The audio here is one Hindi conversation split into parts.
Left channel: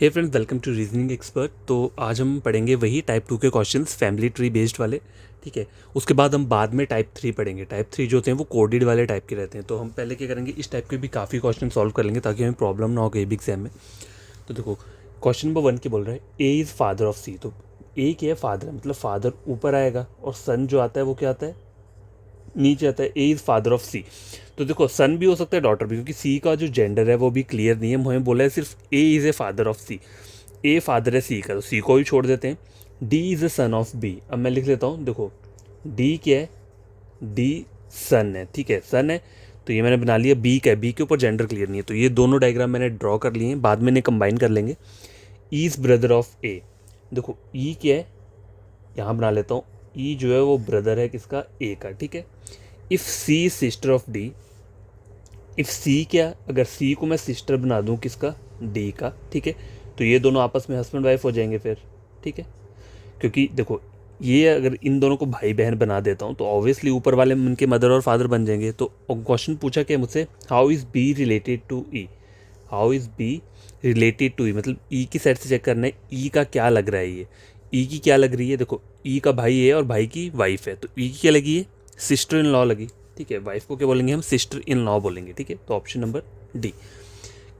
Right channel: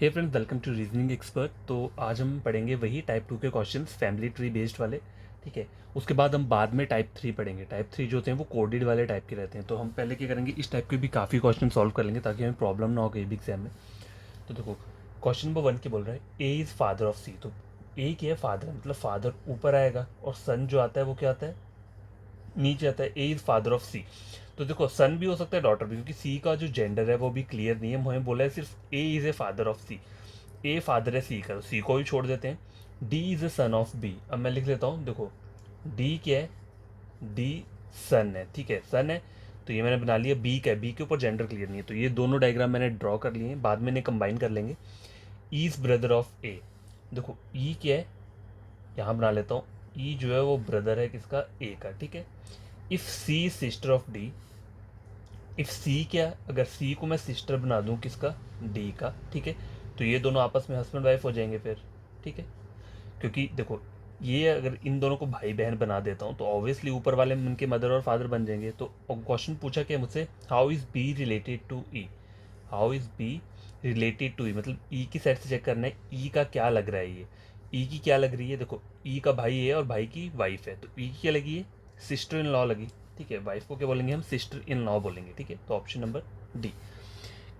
Hey friends, welcome to reasoning expert. तो आज हम पढ़ेंगे वही टाइप 2 के क्वेश्चंस, फैमिली ट्री बेस्ड वाले। ठीक है। उसके बाद हम बाद में टाइप 3 पढ़ेंगे। टाइप 3 जो होते हैं वो कोडेड वाले टाइप के रहते हैं। तो हम पहले क्या करेंगे, इस टाइप के भी काफ़ी क्वेश्चन सॉल्व कर लेंगे ताकि हमें प्रॉब्लम ना हो कहीं भी एग्जाम में। तो देखो, क्वेश्चन नंबर 1 के बोल रहा है A is father of C. तो ए क्या है, फादर, मतलब फादर ऊपर आएगा और सन जो आता है वो क्या आता है, नीचे आता है। A is father of C. तो देखो, सन भी हो सकता है, डॉटर भी, क्योंकि सी का जो जेंडर है वो भी क्लियर नहीं है। हमें बोला है सिर्फ A is a father of C. A father है सी का, तो सी को भी छोड़ देते हैं। D is a son of B. अब मैं लिख लेता हूँ, देखो डी क्या है, डी सन है। ठीक है, सन है। तो ये मैंने बना लिया। बी का है, बी के ऊपर जेंडर क्लियर नहीं है, तो ये दोनों डायग्राम मैंने ड्रॉ कर लिए हैं, बाद में इन्हें कंबाइन कर लेंगे। ई इज़ ब्रदर ऑफ ए। देखो ई क्या है, यहाँ बना लेता हूँ। ई जो है वो ब्रदर है किसका, ए का। ठीक है। If C is sister of D. If C क्या, अगर सी को मैं सिस्टर बना दूँ किसका, डी का। ठीक है। तो ये दोनों आपस में हस्बैंड वाइफ हो जाएंगे फिर। ठीक है। क्योंकि देखो, ये अगर इन दोनों को भाई बहन बना देता हूँ तो ऑब्वियसली ऊपर वाले में उनके मदर और फादर बन जाएंगे। तो क्वेश्चन पूछा क्या मुझसे, how is B related to E. How is B related to E, मतलब ई की साइड से चेक करना है, ई का क्या लग रहा है। ये ई की क्या लग रही है, देखो ई का भाई है और भाई की वाइफ है, तो ई की क्या लगी है, सिस्टर इन लॉ लगी। ठीक है, वाइफ को क्या बोलेंगे हम, सिस्टर इन लॉ बोलेंगे। ठीक है, तो ऑप्शन नंबर डी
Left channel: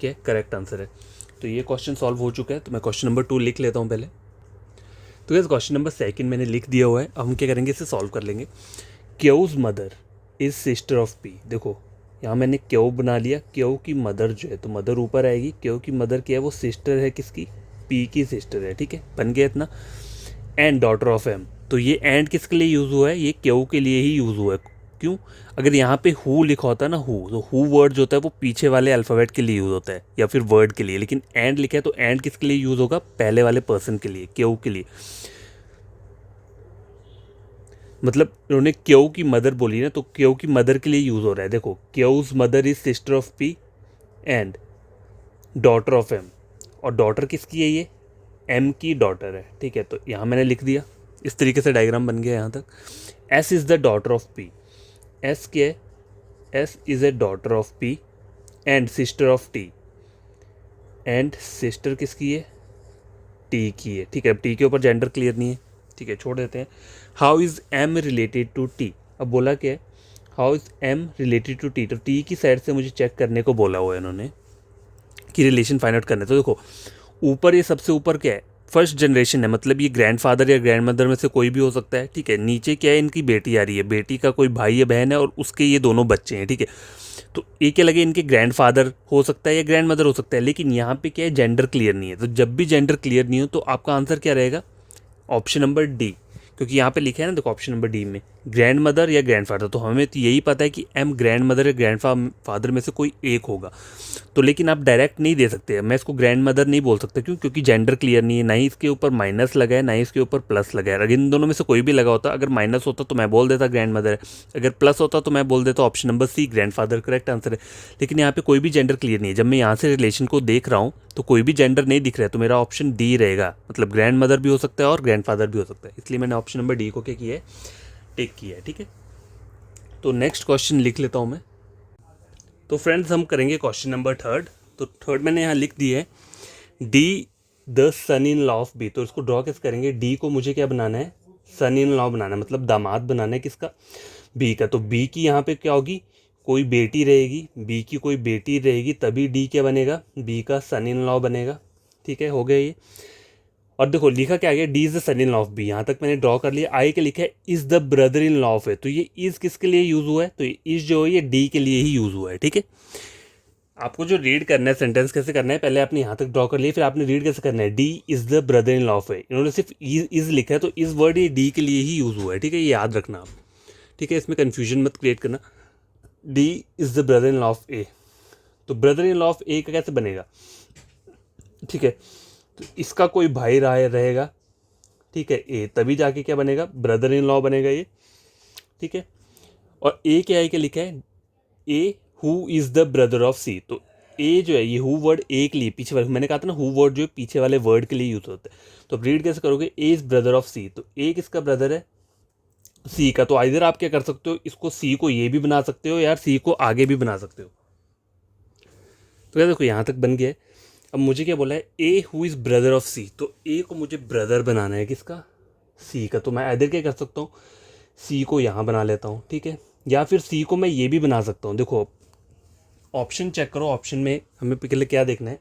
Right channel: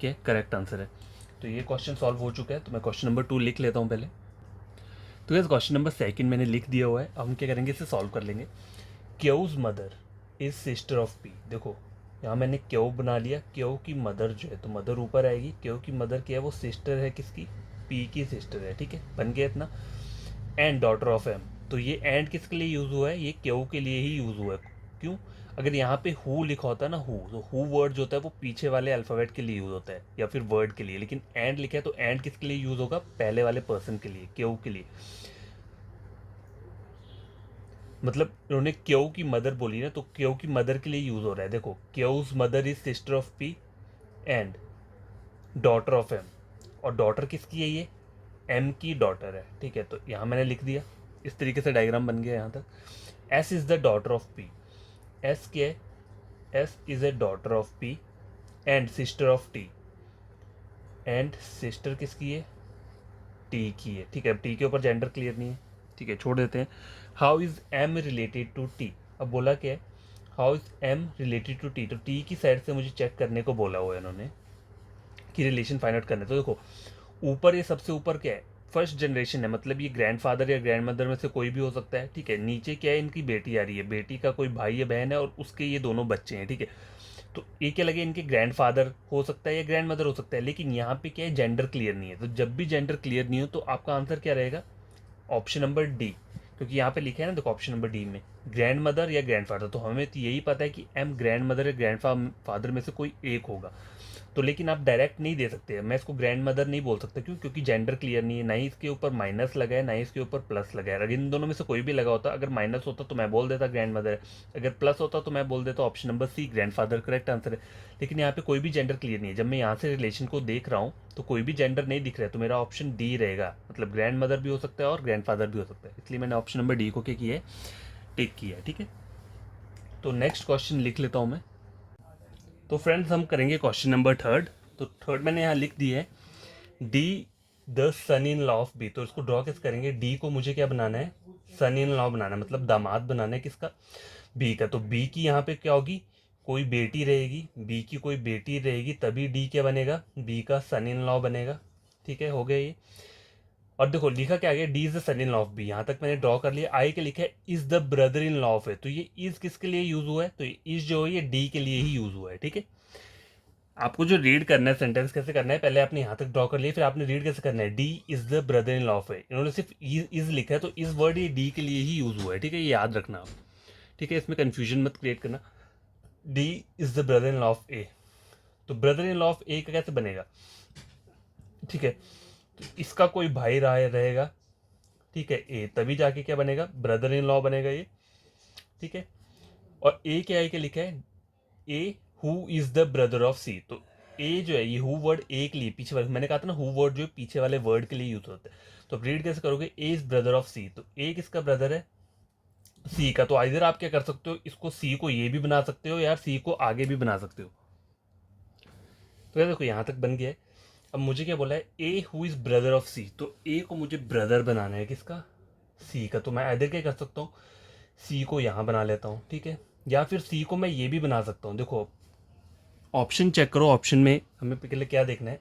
क्या करेक्ट आंसर है। तो ये क्वेश्चन सॉल्व हो चुका है। तो मैं क्वेश्चन नंबर 2 लिख लेता हूँ पहले। तो गैस, क्वेश्चन नंबर 2 मैंने लिख दिया हुआ है। अब हम क्या करेंगे, इसे सॉल्व कर लेंगे। Chaos mother is sister of P. देखो यहाँ मैंने क्यों बना लिया, क्यों की मदर जो है, तो मदर ऊपर आएगी। क्यों की मदर क्या है, वो सिस्टर है किसकी, पी की सिस्टर है। ठीक है, बन गया इतना। And daughter of M. तो ये एंड किसके लिए यूज़ हुआ है, ये क्यों के लिए ही यूज़ हुआ है। क्यों, अगर यहाँ पे हु लिखा होता है ना, हु, तो हु वर्ड जो होता है वो पीछे वाले अल्फ़ाबेट के लिए यूज़ होता है या फिर वर्ड के लिए, लेकिन एंड लिखा है तो एंड किसके लिए यूज़ होगा, पहले वाले पर्सन के लिए, क्यों के लिए। मतलब उन्होंने क्यों की मदर बोली ना, तो क्यों की मदर के लिए यूज़ हो रहा है। देखो, Q's mother is sister of P and daughter of M. और डॉटर किसकी है, ये एम की डॉटर है। ठीक है, तो यहाँ मैंने लिख दिया। इस तरीके से डायग्राम बन गया यहाँ तक। S is the daughter of P. S क्या है, S is a daughter of P and sister of T. And sister किसकी है, टी की है। ठीक है, अब टी के ऊपर जेंडर क्लियर नहीं है, ठीक है, छोड़ देते हैं। How is M related to T. अब बोला क्या है, how is M related to T. तो टी की साइड से मुझे चेक करने को बोला हुआ है इन्होंने कि रिलेशन फाइंड आउट करना है। तो देखो, ऊपर ये सबसे ऊपर क्या है, फर्स्ट जनरेशन है, मतलब ये ग्रैंडफादर या ग्रैंड मदर में से कोई भी हो सकता है। ठीक है, नीचे क्या है, इनकी बेटी आ रही है, बेटी का कोई भाई या बहन है और उसके ये दोनों बच्चे हैं। ठीक है, तो एक क्या लगे, इनके ग्रैंडफादर हो सकता है या ग्रैंड मदर हो सकता है, लेकिन यहाँ पे क्या है, जेंडर क्लियर नहीं है। तो जब भी जेंडर क्लियर नहीं हो तो आपका आंसर क्या रहेगा, ऑप्शन नंबर डी। क्योंकि यहाँ पे लिखा है ना, देखो ऑप्शन नंबर डी में ग्रैंड मदर या ग्रैंड फादर, तो हमें तो यही पता है कि एम ग्रैंड मदर या ग्रैंड फादर में से कोई एक होगा। तो लेकिन आप डायरेक्ट नहीं दे सकते, मैं इसको ग्रैंड मदर नहीं बोल सकता। क्यों, क्योंकि जेंडर क्लियर नहीं है, ना ही इसके ऊपर माइनस लगा है ना ही इसके ऊपर प्लस लगा है। अगर इन दोनों में से कोई भी लगा होता, अगर माइनस होता तो मैं बोल देता ग्रैंड मदर है, अगर प्लस होता तो मैं बोल देता option number C grand father correct answer है। लेकिन यहाँ पे कोई भी जेंडर क्लियर नहीं है। जब मैं यहाँ से रिलेशन को देख रहा हूँ तो कोई भी जेंडर नहीं दिख रहा है, तो मेरा ऑप्शन डी रहेगा, मतलब ग्रैंड मदर भी हो सकता है और ग्रैंड फादर भी हो सकता है। इसलिए मैंने ऑप्शन नंबर डी को क्या किया है, टिक किया है। ठीक है, तो नेक्स्ट क्वेश्चन लिख लेता हूँ मैं। तो फ्रेंड्स, हम करेंगे क्वेश्चन नंबर 3। तो थर्ड मैंने यहाँ लिख दिया है, D the son in law of B. तो इसको ड्रॉ कैसे करेंगे, डी को मुझे क्या बनाना है, सन इन लॉ बनाना है, मतलब दामाद बनाना है किसका, बी का। तो बी की यहाँ पे क्या होगी, कोई बेटी रहेगी, बी की कोई बेटी रहेगी, तभी डी क्या बनेगा, बी का सन इन लॉ बनेगा। ठीक है, हो गया ये। और देखो लिखा क्या गया, D is the son in law of B, यहाँ तक मैंने ड्रॉ कर लिया। आई के लिखा है is the brother in law of है, तो ये इज किसके लिए यूज हुआ है, तो ये इज जो है ये डी के लिए ही यूज हुआ है। ठीक है, आपको जो रीड करना है, सेंटेंस कैसे करना है, पहले आपने यहाँ तक ड्रॉ कर लिया, फिर आपने रीड कैसे करना है, D is the brother in law of है। इन्होंने सिर्फ इज लिखा है, तो इस वर्ड ये डी के लिए ही यूज हुआ है। ठीक है, ये याद रखना आप। ठीक है, इसमें कन्फ्यूजन मत क्रिएट करना। D is the brother in law of A. तो brother in law of A का कैसे बनेगा, ठीक है, तो इसका कोई भाई रहेगा। ठीक है, ए, तभी जाके क्या बनेगा, ब्रदर इन लॉ बनेगा ये। ठीक है, और ए क्या है, क्या लिखा है, A who is the brother of C. तो ए जो है, ये हु वर्ड ए के लिए, पीछे वाले, मैंने कहा था ना हु वर्ड जो है पीछे वाले वर्ड के लिए यूज होता है। तो अब रीड कैसे करोगे, ए इज ब्रदर ऑफ सी, तो ए किसका ब्रदर है, सी का। तो इधर आप क्या कर सकते हो, इसको सी को ये भी बना सकते हो यार, सी को आगे भी बना सकते हो। तो यार देखो यहाँ तक बन गया है। अब मुझे क्या बोला है, A who is brother of C, तो ए को मुझे ब्रदर बनाना है किसका, सी का। तो मैं इधर क्या कर सकता हूँ, सी को यहाँ बना लेता हूँ, ठीक है। या फिर सी को मैं ये भी बना सकता हूँ। देखो ऑप्शन चेक करो, ऑप्शन में हमें पहले क्या देखना है।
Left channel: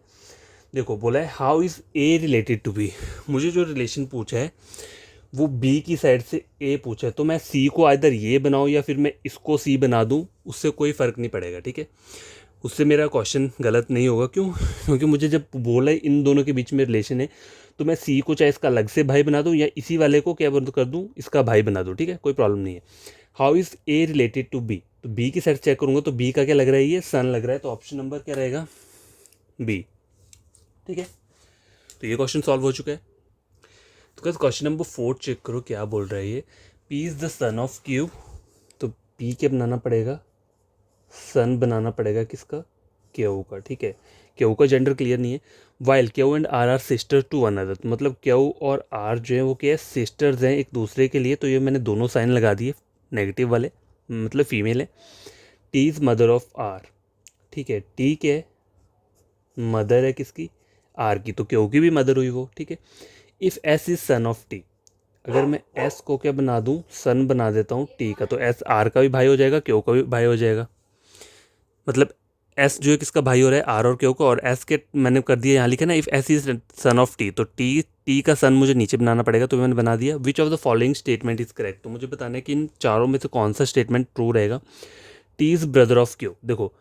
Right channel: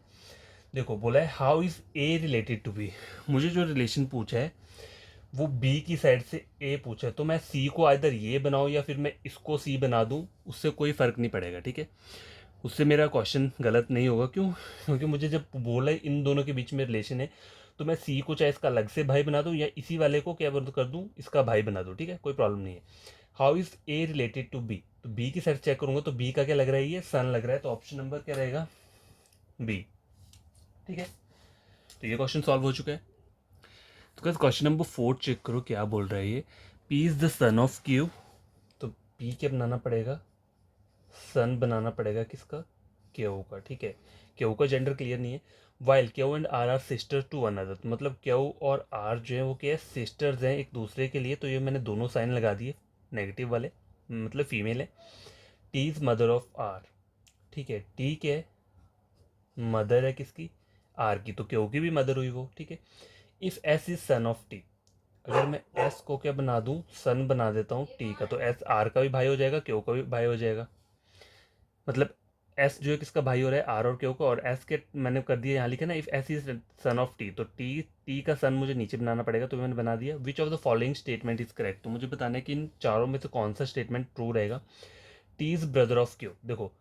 देखो बोला है how is A related to B, मुझे जो रिलेशन पूछा है वो बी की साइड से ए पूछा है, तो मैं सी को आइदर ये बनाऊँ या फिर मैं इसको सी बना दूँ, उससे कोई फ़र्क नहीं पड़ेगा, ठीक है। उससे मेरा क्वेश्चन गलत नहीं होगा। क्यों? क्योंकि मुझे जब बोला है इन दोनों के बीच में रिलेशन है, तो मैं सी को चाहे इसका अलग से भाई बना दूँ या इसी वाले को क्या कर दूँ, इसका भाई बना दूँ, ठीक है, कोई प्रॉब्लम नहीं है। How is A related to B, तो बी की साइड चेक करूँगा तो बी का क्या लग रहा है, ये सन लग रहा है, तो ऑप्शन नंबर क्या रहेगा, बी, ठीक है। तो ये क्वेश्चन सॉल्व हो चुका है। तो क्वेश्चन नंबर 4 चेक करो क्या बोल रहा है ये, P is the son of Q, तो पी क्या बनाना पड़ेगा, सन बनाना पड़ेगा किसका, क्यू का, ठीक है। क्यू का जेंडर क्लियर नहीं है। While Q and R are sister to another, तो मतलब क्यू और आर जो है वो क्या है, सिस्टर्स हैं एक दूसरे के लिए, तो ये मैंने दोनों साइन लगा दिए नेगेटिव वाले, मतलब फीमेल है। T is mother of R, ठीक है, टी क्या है, मदर है किसकी, आर की, तो क्यू की भी मदर हुई वो, ठीक है। If S is son of T, अगर मैं एस को क्या बना दूँ, सन बना देता हूँ टी का, तो एस आर का भी भाई हो जाएगा, क्यू का भी भाई हो जाएगा। मतलब एस जो है किसका भाई हो रहा है, आर और क्यू को, और एस के मैंने कर दिया यहाँ लिखा ना, if S is son of T, तो टी का सन मुझे नीचे बनाना पड़ेगा, तो मैंने बना दिया। Which of the following statement is correct, तो मुझे बताना है कि इन चारों में से कौन सा स्टेटमेंट ट्रू रहेगा। T is brother of Q, देखो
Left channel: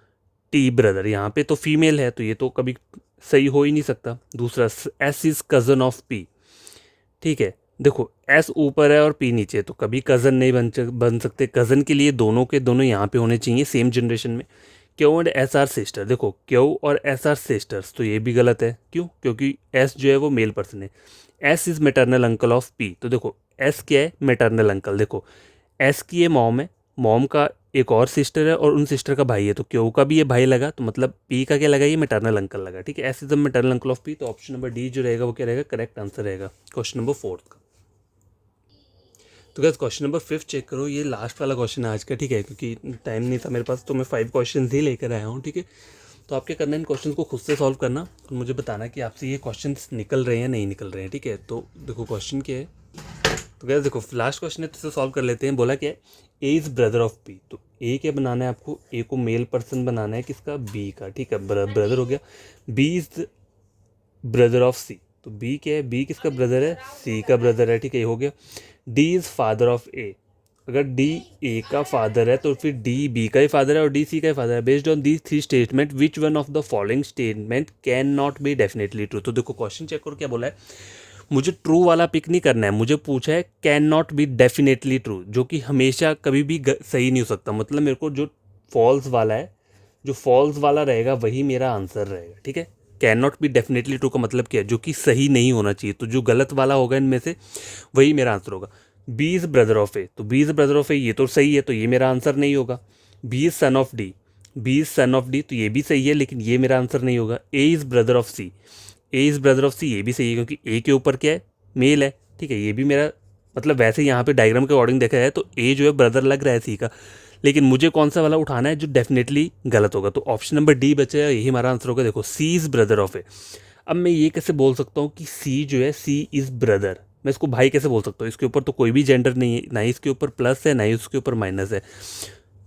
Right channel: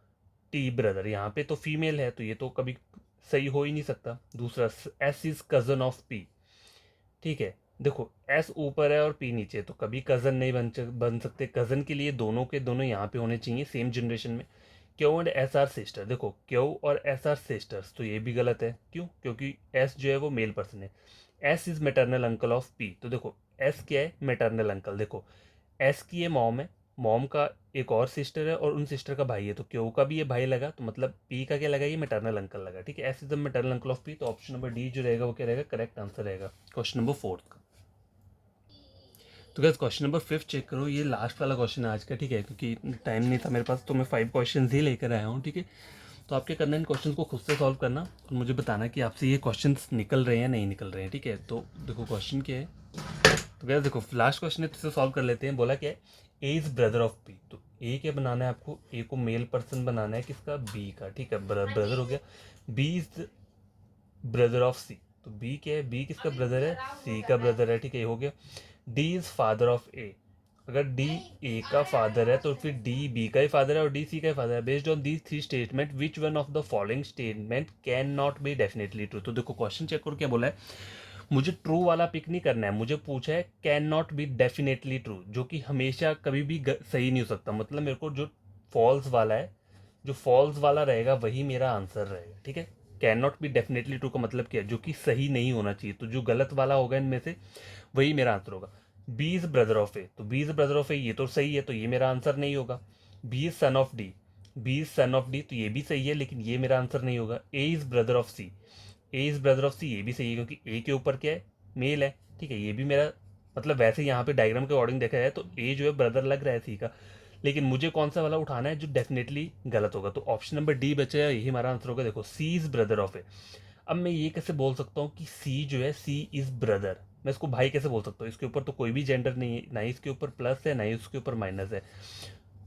टी ब्रदर यहाँ पे तो फीमेल है, तो ये तो कभी सही हो ही नहीं सकता। दूसरा S is cousin of P, ठीक है, देखो एस ऊपर है और पी नीचे है, तो कभी कज़न नहीं बन सकते। कज़न के लिए दोनों के दोनों यहाँ पे होने चाहिए सेम जनरेशन में। Q and S R sister, देखो क्यू और एस आर सिस्टर्स, तो ये भी गलत है। क्यों? क्योंकि एस जो है वो मेल पर्सन है। S is maternal uncle of P, तो देखो एस क्या है, मेटर्नल अंकल। देखो एस की ये मॉम है, मॉम का एक और सिस्टर है और उन सिस्टर का भाई है, तो क्यू का भी ये भाई लगा, तो मतलब पी का क्या लगा, ये मेटर्नल अंकल लगा, ठीक है। S is the maternal uncle of P, तो ऑप्शन नंबर डी जो रहेगा वो क्या रहेगा, करेक्ट आंसर रहेगा क्वेश्चन नंबर 4 का। तो गाइस क्वेश्चन नंबर 5 चेक करो, ये लास्ट वाला क्वेश्चन है आज का, ठीक है, क्योंकि टाइम नहीं था मेरे पास, तो मैं 5 क्वेश्चन ही लेकर आया हूँ, ठीक है। तो आप क्या करना है, इन क्वेश्चन को खुद से सॉल्व करना और मुझे बताना कि आपसे ये क्वेश्चन निकल रहे हैं नहीं निकल रहे हैं, ठीक है। तो देखो क्वेश्चन क्या है, तो गाइस देखो लास्ट क्वेश्चन है, तो इसे सॉल्व कर लेते हैं। बोला क्या है, A is brother of B, तो ए क्या बनाना है आपको, ए को मेल पर्सन बनाना है किसका, बी का, ठीक है, ब्रदर हो गया। B is brother of C, तो बी क्या है, बी किसका ब्रदर है, सी का ब्रदर है, ठीक है, ये हो गया। डी इज़ फादर ऑफ ए, अगर डी ए का फादर है तो फिर डी बी का ही फादर है और डी सी का ही फादर है। Based on these 3 statement which one of the following statement can not be definitely true, तो देखो क्वेश्चन चेक करो क्या बोला है, मुझे ट्रू वाला पिक नहीं करना है, मुझे पूछा है can not be definitely true, जो कि हमेशा कभी भी सही नहीं हो सकता। मतलब मेरे को जो फॉल्स वाला है, जो फॉल्स वाला रहेगा वही मेरा आंसर रहेगा, ठीक है। Can not be definitely true का मतलब क्या है, जो कि सही नहीं होना चाहिए, तो जो गलत वाला होगा इनमें से वही मेरा आंसर होगा। B is brother of A, तो बी इज़ ब्रदर ऑफ ए ये तो सही है, तो ये मेरा आंसर नहीं होगा। B is son of D, B is son of D, तो ये भी सही है, लेकिन ये मेरा आंसर नहीं होगा। A is brother of C, A is brother of C, ये भी सही है क्योंकि ए के ऊपर क्या है, मेल है, ठीक है, ये भी मेरा मतलब वैसे यहाँ पे डायग्राम के अकॉर्डिंग देखा जाए तो ए जो है ब्रदर लग रहा है सी का, लेकिन मुझे कौन सा वाला उठाना है जो डेफिनेटली गलत होगा, तो ऑप्शन नंबर डी बचेगा, यही हमारा आंसर होगा। देखो सी इज़ ब्रदर ऑफ ए, अब मैं ये कैसे बोल सकता हूँ कि सी जो है, सी इज़ ब्रदर, मैं इसको भाई कैसे बोल सकता हूँ, इसके ऊपर तो कोई भी जेंडर नहीं है, ना ही इसके ऊपर प्लस है ना ही उसके ऊपर माइनस है,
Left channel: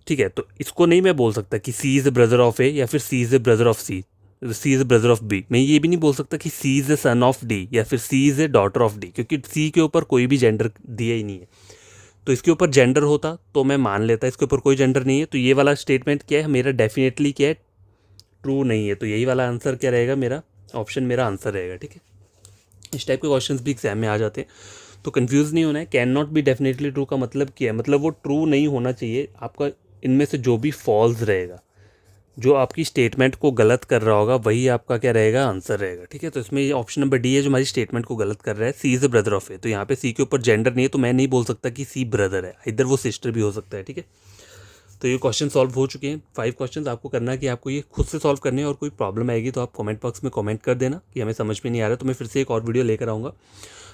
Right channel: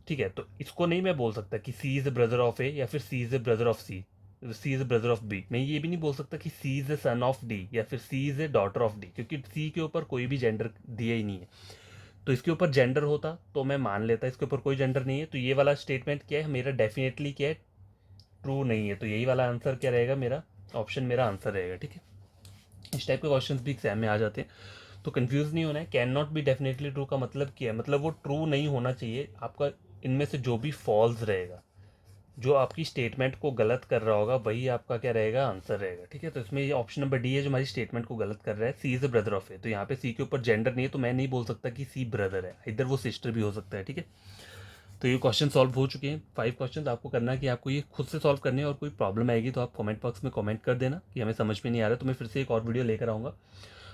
ठीक है। तो इसको नहीं मैं बोल सकता कि C is the brother of A या फिर C is the brother of C is the brother of B. मैं ये भी नहीं बोल सकता कि C is the son of D या फिर C is the daughter of D, क्योंकि सी के ऊपर कोई भी जेंडर दिया ही नहीं है। तो इसके ऊपर जेंडर होता तो मैं मान लेता, इसके ऊपर कोई जेंडर नहीं है, तो ये वाला स्टेटमेंट क्या है मेरा, डेफिनेटली क्या है, ट्रू नहीं है, तो यही वाला आंसर क्या रहेगा मेरा, ऑप्शन मेरा आंसर रहेगा, ठीक है। इस टाइप के क्वेश्चन भी एग्जाम में आ जाते हैं, तो कंफ्यूज नहीं होना है। Can not be definitely true का मतलब क्या है, मतलब वो ट्रू नहीं होना चाहिए आपका, इनमें से जो भी फॉल्स रहेगा, जो आपकी स्टेटमेंट को गलत कर रहा होगा वही आपका क्या रहेगा, आंसर रहेगा, ठीक है। तो इसमें ये ऑप्शन नंबर डी है जो हमारी स्टेटमेंट को गलत कर रहा है। सी is the brother of A, तो यहाँ पे सी के ऊपर जेंडर नहीं है, तो मैं नहीं बोल सकता कि सी ब्रदर है, इधर वो सिस्टर भी हो सकता है, ठीक है। तो ये क्वेश्चन सॉल्व हो चुके हैं। 5 क्वेश्चन आपको करना है कि आपको ये खुद से सॉल्व करने हैं, और कोई प्रॉब्लम आएगी तो आप कमेंट बॉक्स में कमेंट कर देना कि हमें समझ में नहीं आ रहा, तो मैं फिर से एक और वीडियो लेकर आऊँगा।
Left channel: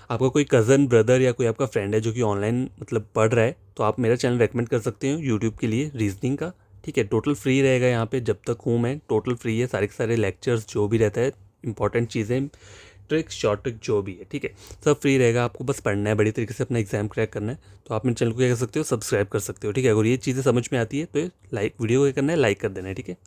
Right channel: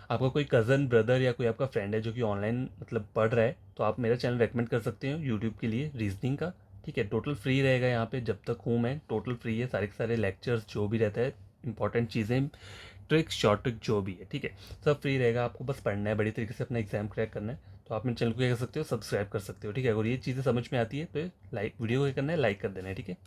आपका कोई कज़न ब्रदर या कोई आपका फ्रेंड है जो कि ऑनलाइन मतलब पढ़ रहा है, तो आप मेरा चैनल रेकमेंड कर सकते हो यूट्यूब के लिए, रीजनिंग का, ठीक है। टोटल फ्री रहेगा यहाँ पे, जब तक हूँ मैं टोटल फ्री है, सारे के सारे लेक्चर्स जो भी रहता है इंपॉर्टेंट चीज़ें, ट्रिक्स, शॉर्ट ट्रिक जो भी है, ठीक है, सब फ्री रहेगा। आपको बस पढ़ना है, बड़ी तरीके से अपना एग्जाम क्रैक करना है। तो आप मेरे चैनल को क्या कर सकते हो, सब्सक्राइब कर सकते हो, ठीक है। अगर ये चीज़ें समझ में आती है तो लाइक, वीडियो को क्या करना है, लाइक कर देना है, ठीक है।